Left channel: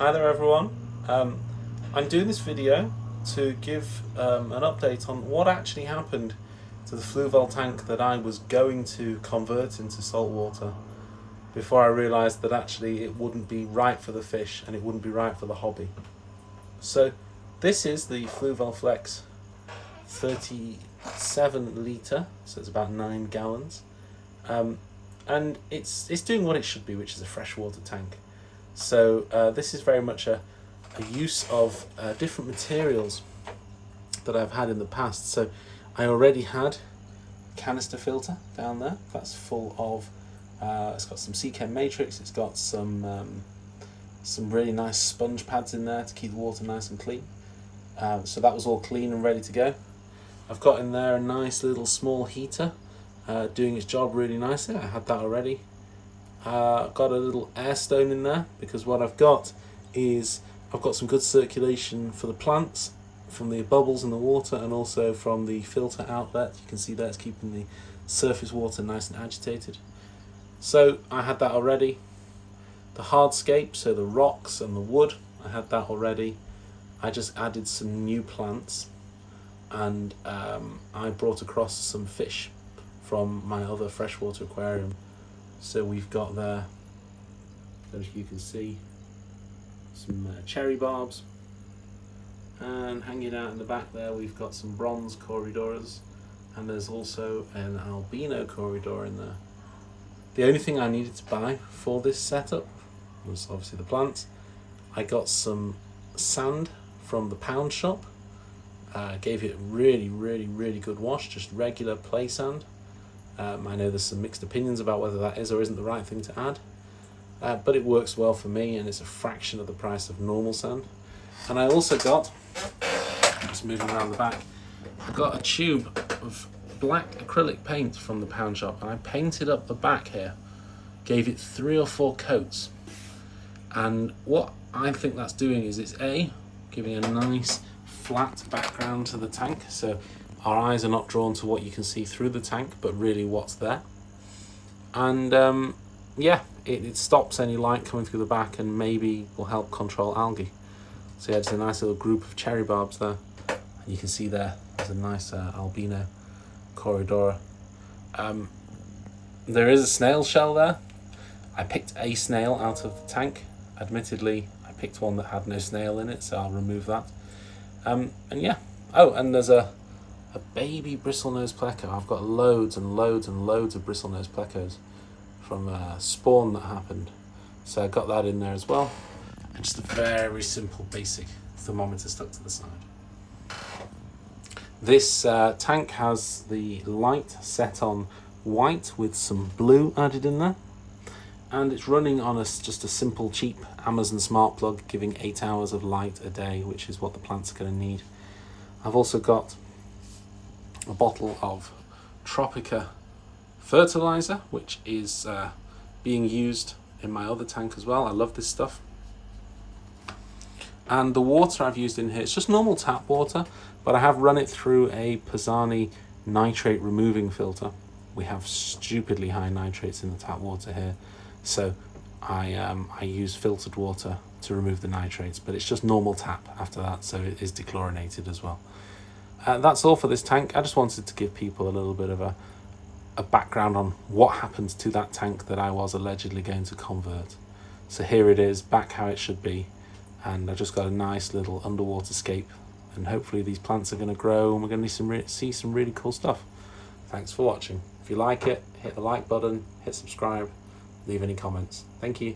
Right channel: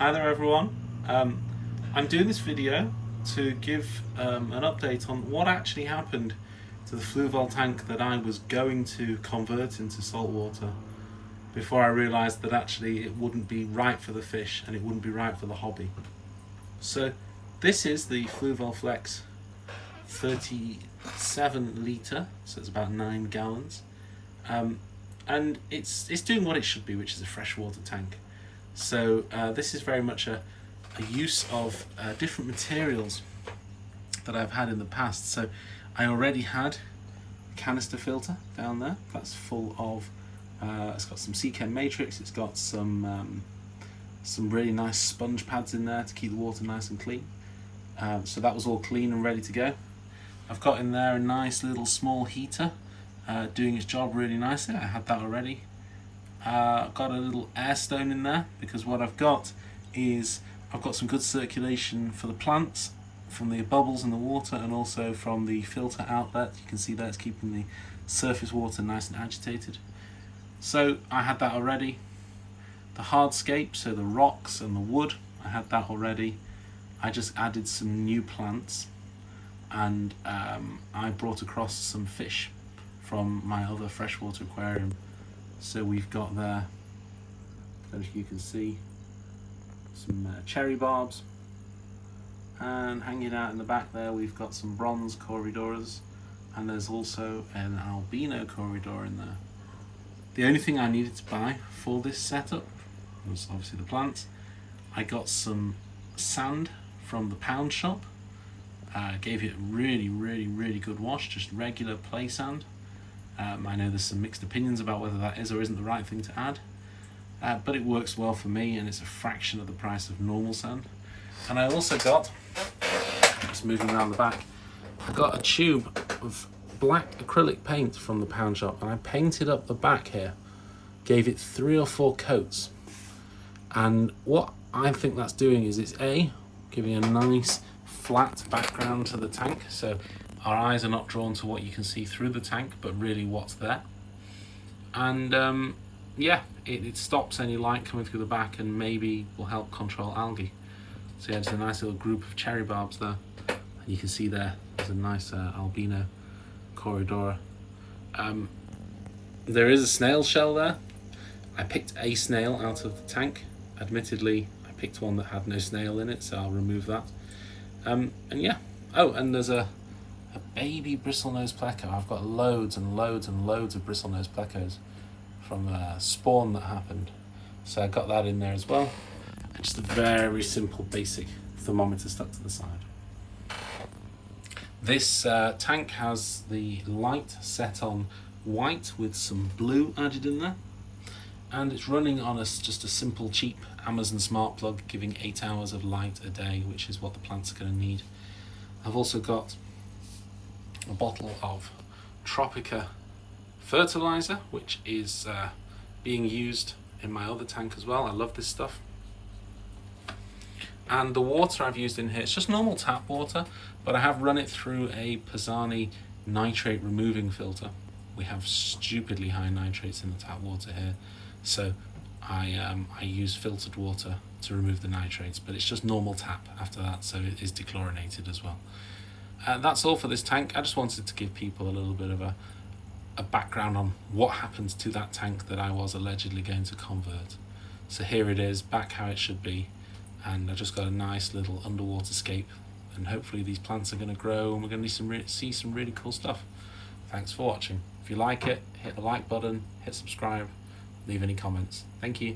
Hi there everyone. I'm doing this video to give an update on what actually happened to the Fluvial tank that I was going to convert into salt water before I realised that actually it wouldn't be right for the fish and it wouldn't be right for the hobby. So this is the Fluvial Flex 37 litre, so it's about 9 gallons, and it's doing what it should be, which is a freshwater tank. So this is very much a use of different materials that I've had in the past. So I already had a canister filter down there that's full of it's got some sea chem matrix, it's got some really nice sponge pads in there to keep the water nice and clean. So that was all clean and ready to go. I've got in there a nice little small heater doing its job really nicely. I had that already. I've got a little air stone in there because what I've got is I've got some good circulation for the plants from the bubbles in the water and also from the filter outlet. You can see that it's keeping the surface water nice and agitated. So I had that already. The hardscape, so the rocks and the wood, I had that already. I just added some new plants and I brought across some fish from my other freshwater aquarium. So we've got there, as you can see, some cherry barbs, and hanging out in the back there we've got some bronze corridoras, and there's also an albino corridor in there. The only thing I needed to buy for this setup was obviously the plants. I got some sand from the pound shop, gave it a really good wash, just regular play sand. I know there's some mixed opinions about whether that is or isn't the right thing to add, but it works well for me and it's a fraction of the price of normal sand. And I also got, just moving around the back, I got a tube of black acrylic paint from the pound shop and I painted up the back here, gave it 3 or 4 coats. And what I think that's doing is it's giving a nice flat background to the tank, so our eyes are not drawn to what you can see through the tank, but really what's there. And yeah, it stops any light coming through the back and maybe will help control algae. So yeah, it's a nice little group of cherry barbs there. You can see there's a nice albino corridor. There is a snail shell there. I picked a snail out of the tank. Admittedly, I picked one that had no snail in it, so I'll remove that. And yeah, oh, and there's a baby bristlenose pleco. I've got loads and loads and loads of bristlenose plecos from a spawn that happened. So I got that in there as well. And just a very simple basic thermometer stuck to the side. This tank has the light set on white with some blue added in there. And it's running on just a simple cheap Amazon smart plug, giving 8 hours of light a day, which is what the plants are going to need. I've also got a bottle of Tropica fertilizer, which is being used in my other tank as well. I love this stuff. And the water I've used in here, it's just normal tap water, but I have run it through a Pisani nitrate removing filter. We have stupidly high nitrates in the tap water here, so I use filtered water to remove the nitrates, but it's just normal tap after that, so it is dechlorinated as well. That's all for this tank. I just wanted to give people a little bit of a background on what happened to that tank that I was allegedly going to convert. So here it is, back how it should be, and I've just got a nice little underwater scape, and hopefully these plants are going to grow and we're going to see some really cool stuff. Thanks for watching. If you like it, hit the like button, hit subscribe, leave any comments. Thank you.